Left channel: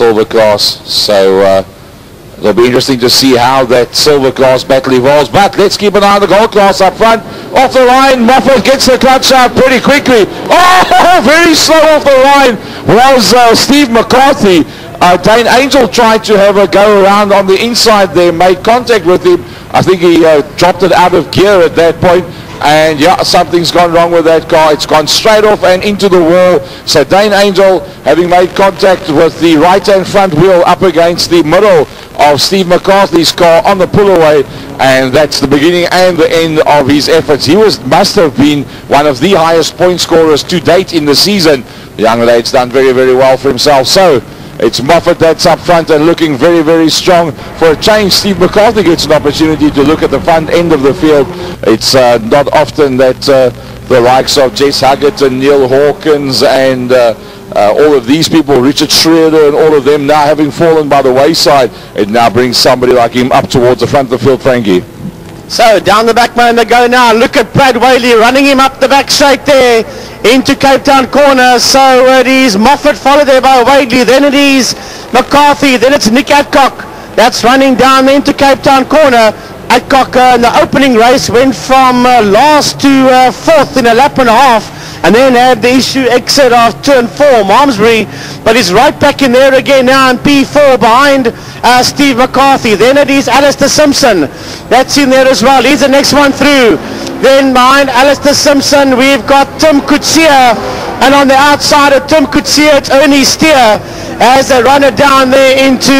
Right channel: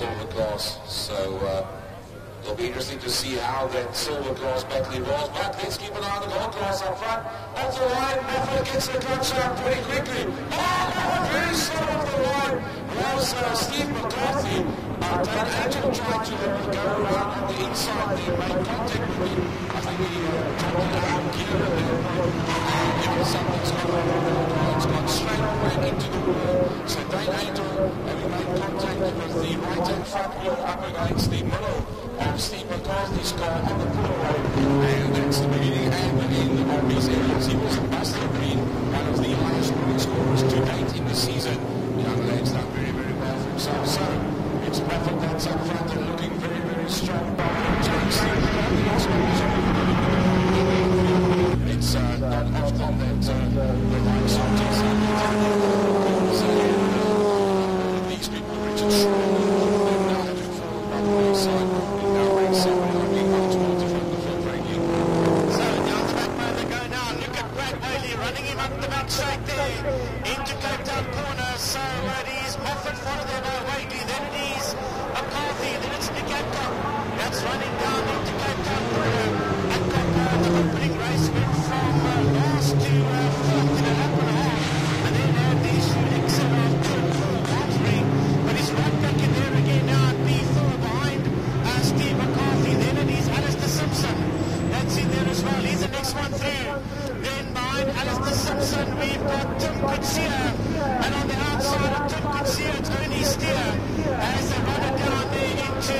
silver class. So it'll be interesting to see how that silver class battle evolves. But let's keep an eye on the gold class up front. Off the line, Moffat gets the clutch out pretty quickly. Oh, very slow off the line was Steve McCarthy. Dane Angel tried to have a go around on the inside there, made contact with him. I think he dropped it out of gear at that point. And yeah, something's gone wrong with that car. It's gone straight off and into the wall. So Dane Angel, having made contact with the right-hand front wheel up against the middle of Steve McCarthy's car on the pull-away, and that's the beginning and the end of his efforts. He must have been one of the highest point scorers to date in the season. The young lade's done very, very well for himself. So it's Moffat that's up front and looking very, very strong. For a change, Steve McCarthy gets an opportunity to look at the front end of the field. It's not often that the likes of Jess Huggett and Neil Hawkins and all of these people, Richard Schroeder and all of them now having fallen by the wayside, it now brings somebody like him up towards the front of the field, Frankie. So down the back man they go now. Look at Brad Whaley running him up the back straight there into Cape Town corner. So it is Moffat followed there by Whaley, then it is McCarthy, then it's Nick Adcock that's running down into Cape Town corner. Adcock in the opening race went from last to fourth in a lap and a half, and then had the issue exit of turn 4, Malmesbury, but he's right back in there again now in P4 behind Steve McCarthy. Then it is Alistair Simpson that's in there as well. He's the next one through. Then behind Alistair Simpson we've got Tim Kutsia, and on the outside of Tim Kutsia it's Ernie Steer as they run it down there into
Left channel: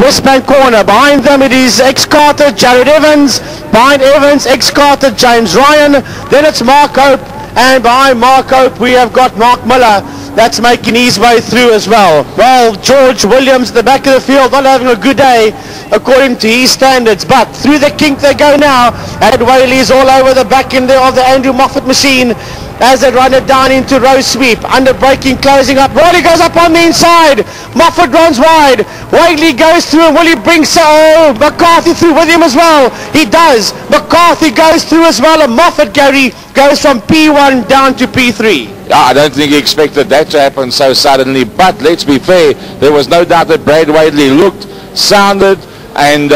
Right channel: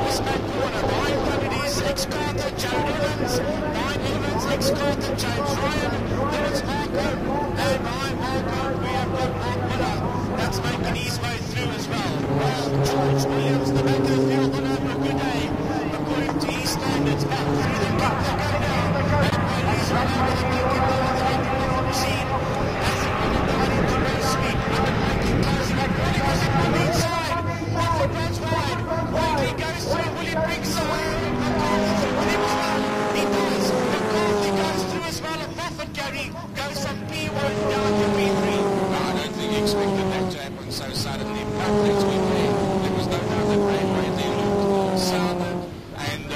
Westbank corner. Behind them it is ex-Carter Jared Evans, behind Evans ex-Carter James Ryan, then it's Mark Hope, and behind Mark Hope we have got Mark Miller that's making his way through as well. Well, George Williams at the back of the field not having a good day according to his standards, but through the kink they go now, and Whaley's all over the back end there of the Andrew Moffat machine as they run it down into row sweep. Under braking, closing up. Whaley goes up on the inside. Moffat runs wide. Whaley goes through, and will he bring McCarthy through with him as well? He does. McCarthy goes through as well, and Moffat, Gary, goes from P1 down to P3. I don't think he expected that to happen so suddenly, but let's be fair, there was no doubt that Brad Whaley looked, sounded, and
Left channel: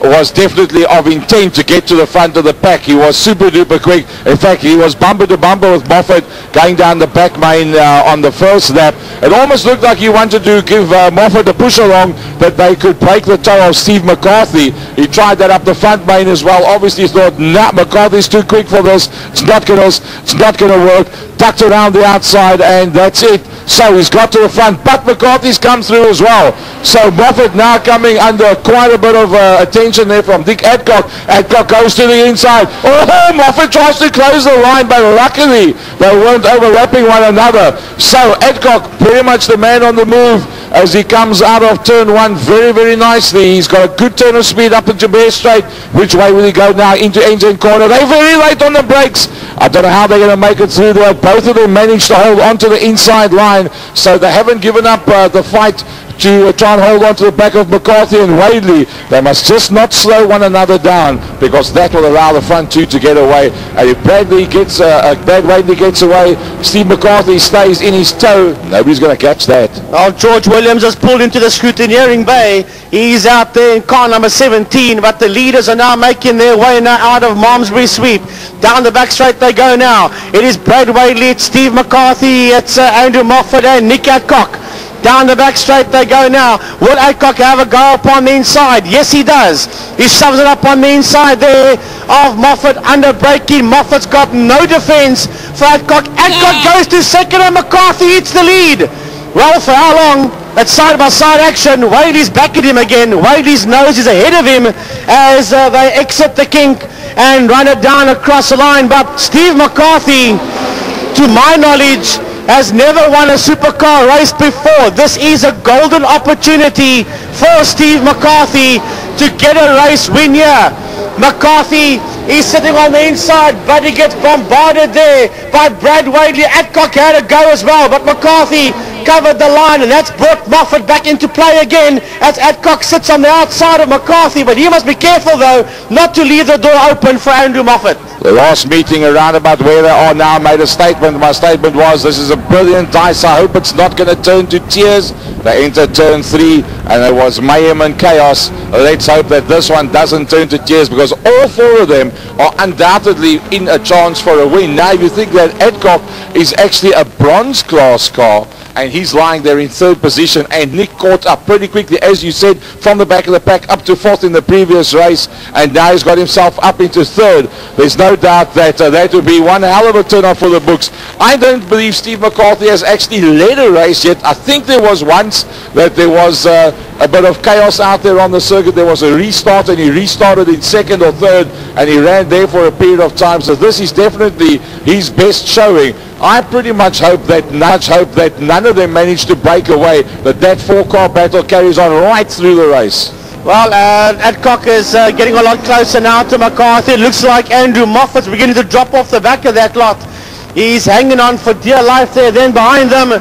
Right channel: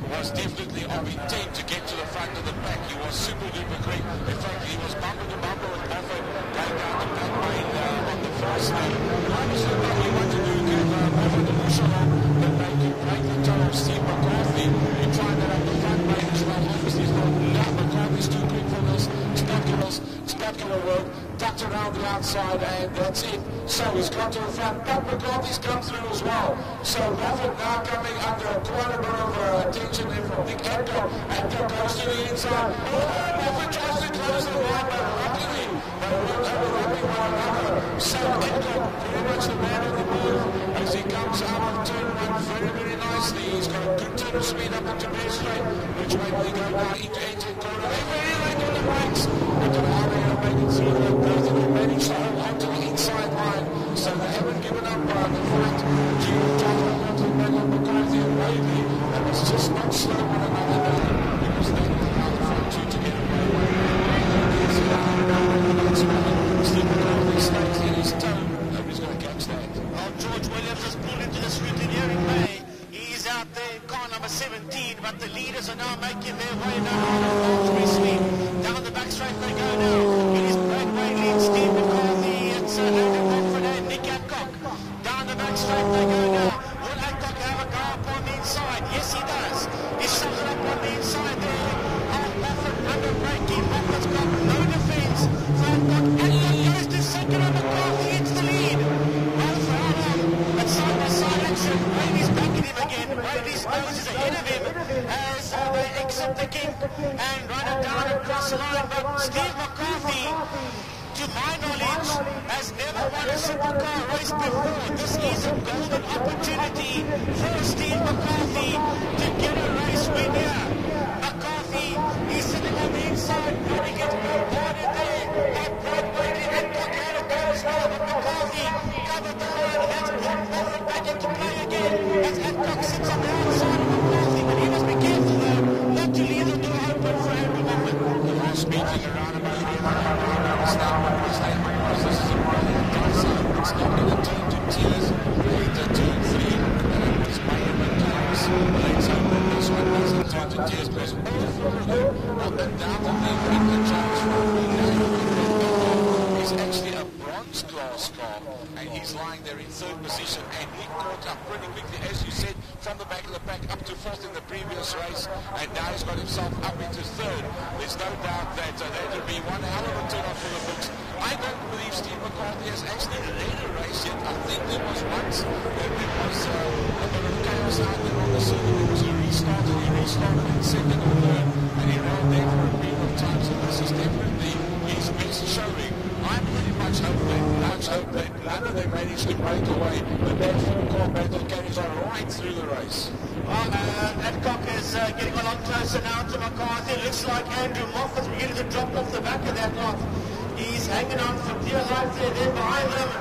was definitely of intent to get to the front of the pack. He was super duper quick. In fact, he was bumper to bumper with Moffat going down the back main on the first lap. It almost looked like he wanted to give Moffat a push along that they could break the toe of Steve McCarthy. He tried that up the front main as well. Obviously thought, nah, McCarthy's too quick for this. It's not gonna work. Ducked around the outside, and that's it. So he's got to the front, but McCarthy's come through as well. So Moffat now coming under quite a bit of attention there from Dick Adcock. Adcock goes to the inside. Oh, Moffat tries to close the line, but luckily they weren't overlapping one another. So Adcock pretty much the man on the move as he comes out of turn 1 very, very nicely. He's got a good turn of speed up into Bear Straight. Which way will he go now? Into engine corner. They're very late on the brakes. I don't know how they're going to make it through there. Both of them managed to hold on to the inside line, so they haven't given up the fight to try and hold on to the back of McCarthy and Whaley. They must just not slow one another down, because that will allow the front two to get away. And if Brad Whaley gets away, Steve McCarthy stays in his toe, nobody's going to catch that. Well, George Williams has pulled into the scrutineering bay. He's out there in car number 17, but the leaders are now making their way now out of Malmesbury Sweep. Down the back straight they go now. It is Brad Whaley, it's Steve McCarthy, it's Andrew Moffat and Nick Adcock. Down the back straight they go now. Will Adcock have a go upon the inside? Yes, he does. He shoves it up on the inside there of Moffat. Under braking, Moffat's got no defense for Adcock. Adcock goes to second and McCarthy hits the lead. Well, for how long? That's side-by-side action. Whaley's back at him again. Whaley's nose is ahead of him as they exit the kink and run it down across the line. But Steve McCarthy, to my knowledge, has never won a supercar race before. This is a golden opportunity for Steve McCarthy to get a race win here. McCarthy is sitting on the inside, but he gets bombarded there by Brad Whaley. Adcock had a go as well, but McCarthy covered the line, and that's brought Moffat back into play again as Adcock sits on the outside of McCarthy, but he must be careful though not to leave the door open for Andrew Moffat. The last meeting around about where they are now made a statement. My statement was, this is a brilliant dice. I hope it's not going to turn to tears. They entered turn 3 and it was mayhem and chaos. Let's hope that this one doesn't turn to tears, because all 4 of them are undoubtedly in a chance for a win. Now you think that Adcock is actually a bronze class car, and he's lying there in 3rd position, and Nick caught up pretty quickly, as you said, from the back of the pack up to 4th in the previous race, and now he's got himself up into 3rd. There's no doubt that that would be one hell of a turnout for the books. I don't believe Steve McCarthy has actually led a race yet. I think there was once that there was a bit of chaos out there on the circuit. There was a restart, and he restarted in 2nd or 3rd, and he ran there for a period of time. So this is definitely his best showing. I pretty much hope that none of them manage to break away, that 4-car battle carries on right through the race. Well, Adcock is getting a lot closer now to McCarthy. It looks like Andrew Moffat's beginning to drop off the back of that lot. He's hanging on for dear life there. Then behind them,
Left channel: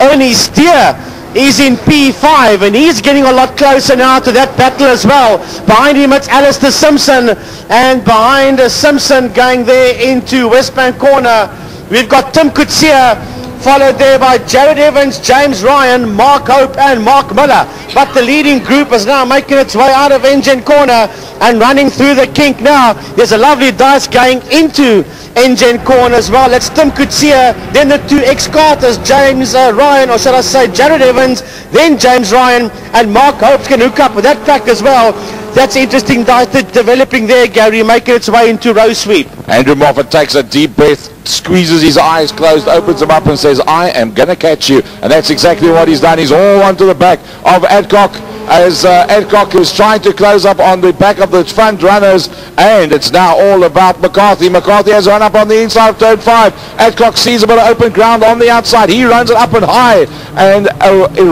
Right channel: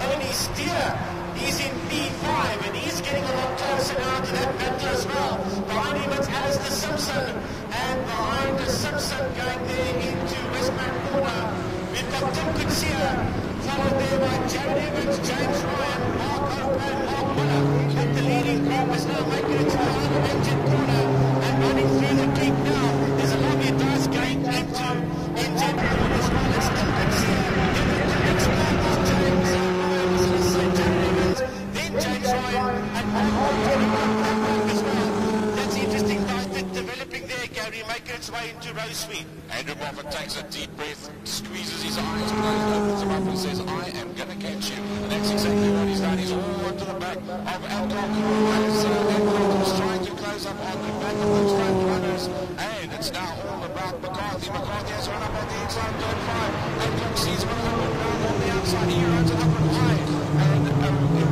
Ernie Steer is in P5, and he's getting a lot closer now to that battle as well. Behind him it's Alistair Simpson, and behind Simpson going there into Westbank corner, we've got Tim Coetzee, followed there by Jared Evans, James Ryan, Mark Hope and Mark Miller. But the leading group is now making its way out of Engine corner and running through the kink now. There's a lovely dice going into Engine corner as well. That's Tim Coetzee, then the 2 ex-carters, James Ryan, or should I say Jared Evans, then James Ryan, and Mark Hope's going to hook up with that pack as well. That's interesting dice developing there, Gary, making its way into row sweep. Andrew Moffat takes a deep breath, squeezes his eyes closed, opens them up and says, I am going to catch you. And that's exactly what he's done. He's all onto the back of Adcock, as Adcock is trying to close up on the back of the front runners, and it's now all about McCarthy. McCarthy has run up on the inside of turn 5. Adcock sees a bit of open ground on the outside. He runs it up and high, and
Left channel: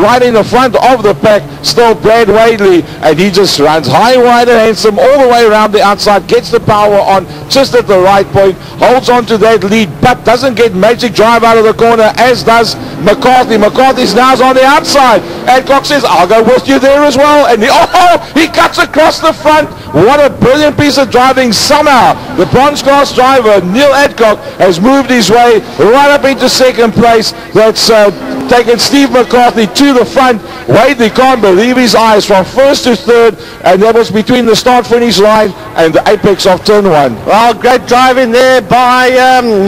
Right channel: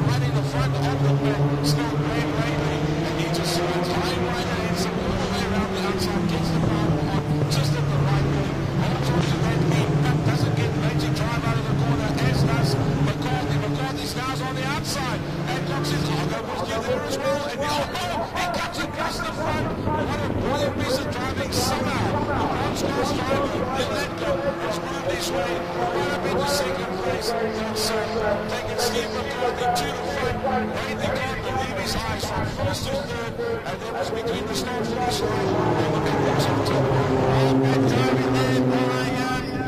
right in the front of the pack, still Brad Wadley, and he just runs high, wide and handsome all the way around the outside, gets the power on just at the right point, holds on to that lead, but doesn't get magic drive out of the corner, as does McCarthy. McCarthy's now on the outside. Adcock says, I'll go with you there as well, and he cuts across the front. What a brilliant piece of driving. Somehow the bronze class driver Neil Adcock has moved his way right up into 2nd place. That's taken Steve McCarthy to the front. Wadley can't believe his eyes from 1st to 3rd, and that was between the start finish line and the apex of turn 1. Well, great driving there by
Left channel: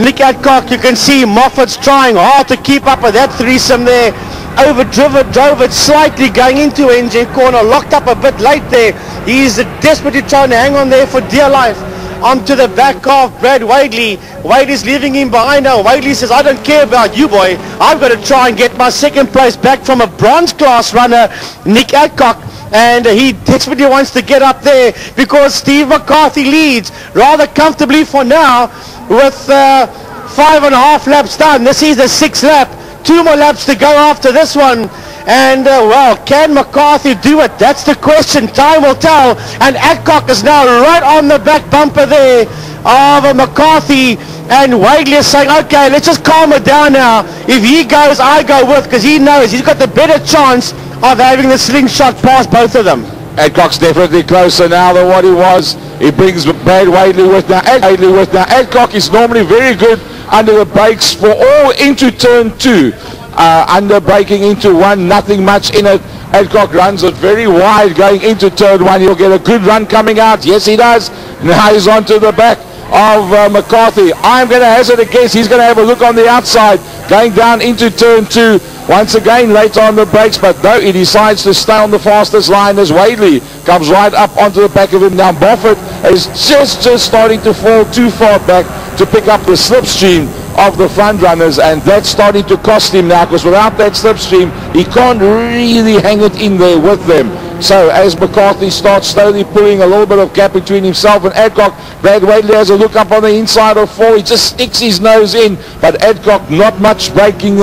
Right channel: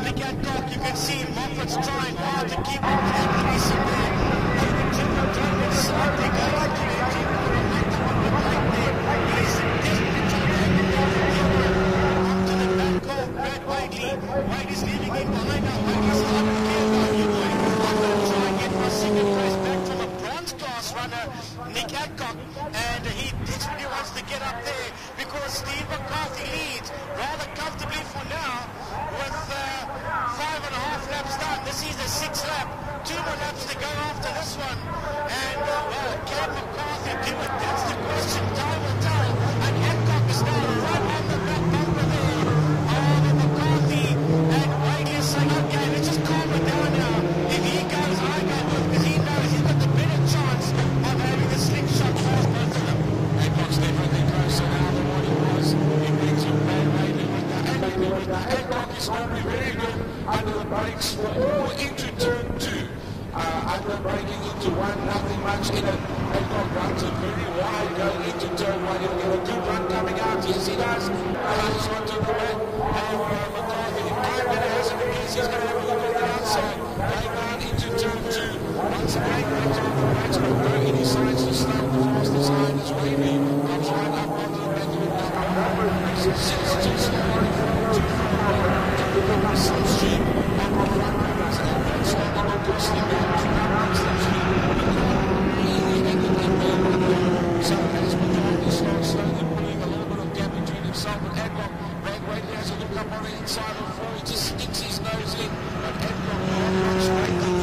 Nick Adcock. You can see Moffat's trying hard to keep up with that threesome there. Drove it slightly going into Engine corner, locked up a bit late there. He's desperately trying to hang on there for dear life onto the back of Brad Wadley. Wadley's leaving him behind now. Wadley says, I don't care about you, boy. I've got to try and get my 2nd place back from a bronze class runner, Nick Adcock. And he desperately wants to get up there, because Steve McCarthy leads rather comfortably for now with 5.5 laps done. This is the 6th lap. 2 more laps to go after this one. And well, can McCarthy do it? That's the question. Time will tell. And Adcock is now right on the back bumper there of McCarthy. And Wadley is saying, okay, let's just calm it down now. If he goes, I go with, because he knows he's got the better chance of having the slingshot past both of them. Adcock's definitely closer now than what he was. He brings Brad Wadley with now. Adcock is normally very good under the brakes for all into turn 2. Under braking into 1, nothing much in it. Adcock runs it very wide going into turn 1. He'll get a good run coming out. Yes, he does. Now he's onto the back of McCarthy. I'm going to hazard a guess. He's going to have a look on the outside going down into turn 2. Once again late on the brakes, but no, he decides to stay on the fastest line as Wadley comes right up onto the back of him. Now Moffat is just starting to fall too far back to pick up the slipstream of the front runners, and that's starting to cost him now, because without that slipstream he can't really hang it in there with them. So as McCarthy starts slowly pulling a little bit of gap between himself and Adcock, Brad Wadley has a look up on the inside of 4. He just sticks his nose in, but Adcock, not much braking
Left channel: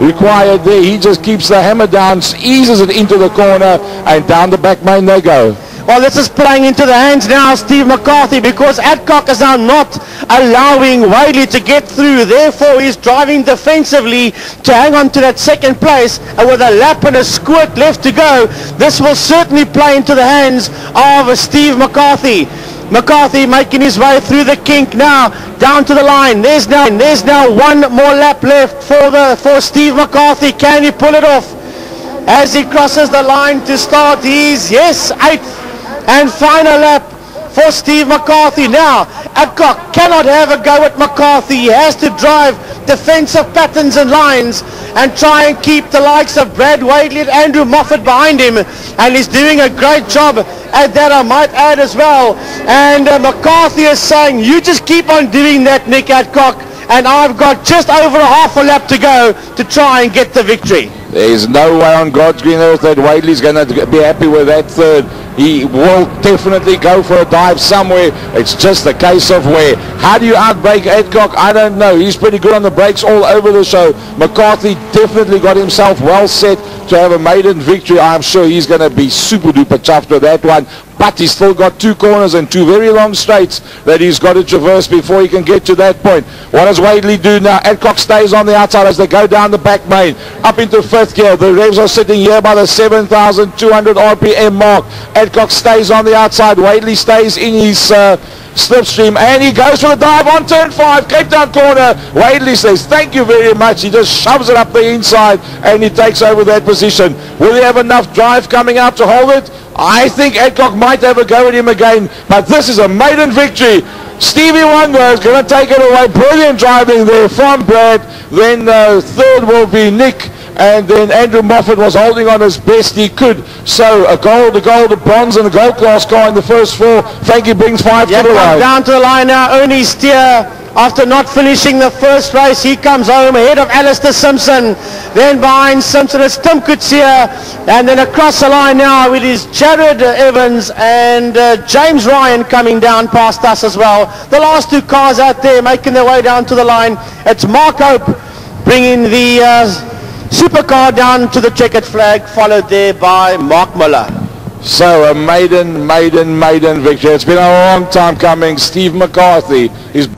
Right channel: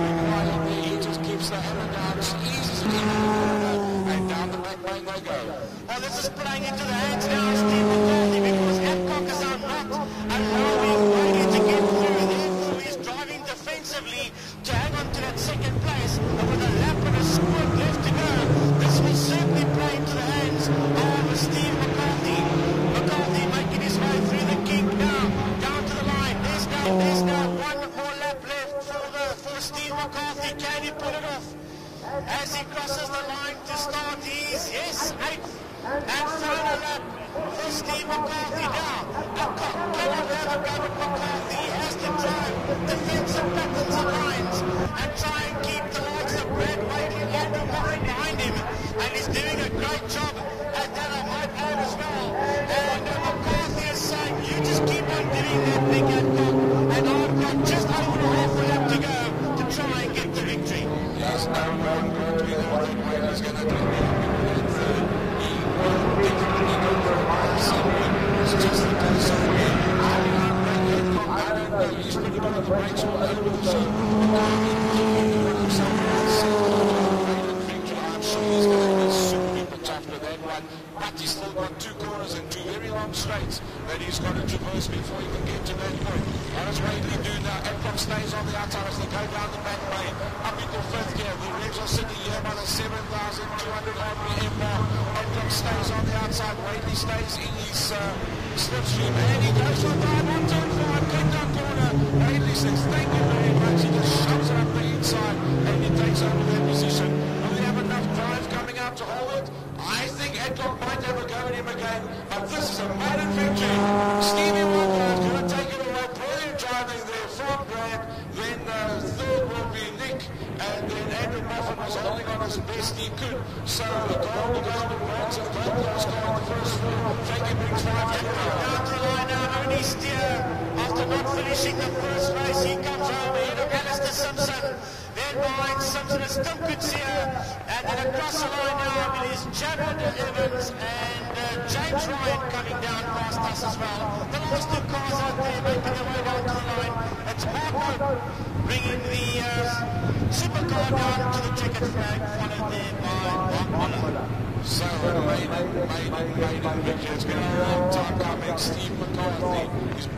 required there. He just keeps the hammer down, eases it into the corner, and down the back main they go. Well, this is playing into the hands now of Steve McCarthy, because Adcock is now not allowing Wadley to get through. Therefore, he's driving defensively to hang on to that second place. And with a lap and a squirt left to go, this will certainly play into the hands of Steve McCarthy. McCarthy making his way through the kink now, down to the line. There's now one more lap left for Steve McCarthy. Can he pull it off? As he crosses the line to start his, yes, 8th and final lap for Steve McCarthy. Now, Adcock cannot have a go at McCarthy. He has to drive defensive patterns and lines and try and keep the likes of Brad Wadley and Andrew Moffat behind him. And he's doing a great job at that, I might add as well. And McCarthy is saying, you just keep on doing that, Nick Adcock, and I've got just over a half a lap to go to try and get the victory. There's no way on God's green earth that Wadley's going to be happy with that third. He will definitely go for a dive somewhere. It's just a case of where. How do you outbrake Adcock? I don't know. He's pretty good on the brakes all over the show. McCarthy definitely got himself well set to have a maiden victory. I'm sure he's going to be super duper chuffed with that one. But he's still got 2 corners and 2 very long straights that he's got to traverse before he can get to that point. What does Wadley do now? Adcock stays on the outside as they go down the back main, up into 5th gear. The revs are sitting here by the 7,200 RPM mark. Adcock stays on the outside. Wadley stays in his slipstream, and he goes for the dive on turn 5, Cape Town corner. Wadley says thank you very much. He just shoves it up the inside and he takes over that position. Will he have enough drive coming out to hold it? I think Adcock might have a go at him again, but this is a maiden victory. Stevie Wonder is going to take it away. Brilliant driving there from Brad. Then third will be Nick, and then Andrew Moffat was holding on as best he could. So a gold, a bronze, and a gold class car in the first 4. Frankie brings 5 to the line. Down to the line now. Only Steer, after not finishing the first race, he comes home ahead of Alistair Simpson. Then behind Simpson is Tim Coetzee, and then across the line now it is Jared Evans and James Ryan coming down past us as well. The last 2 cars out there making their way down to the line. It's Mark Hope bringing the supercar down to the checkered flag, followed there by Mark Miller. So a maiden victory. It's been a long time coming. Steve McCarthy is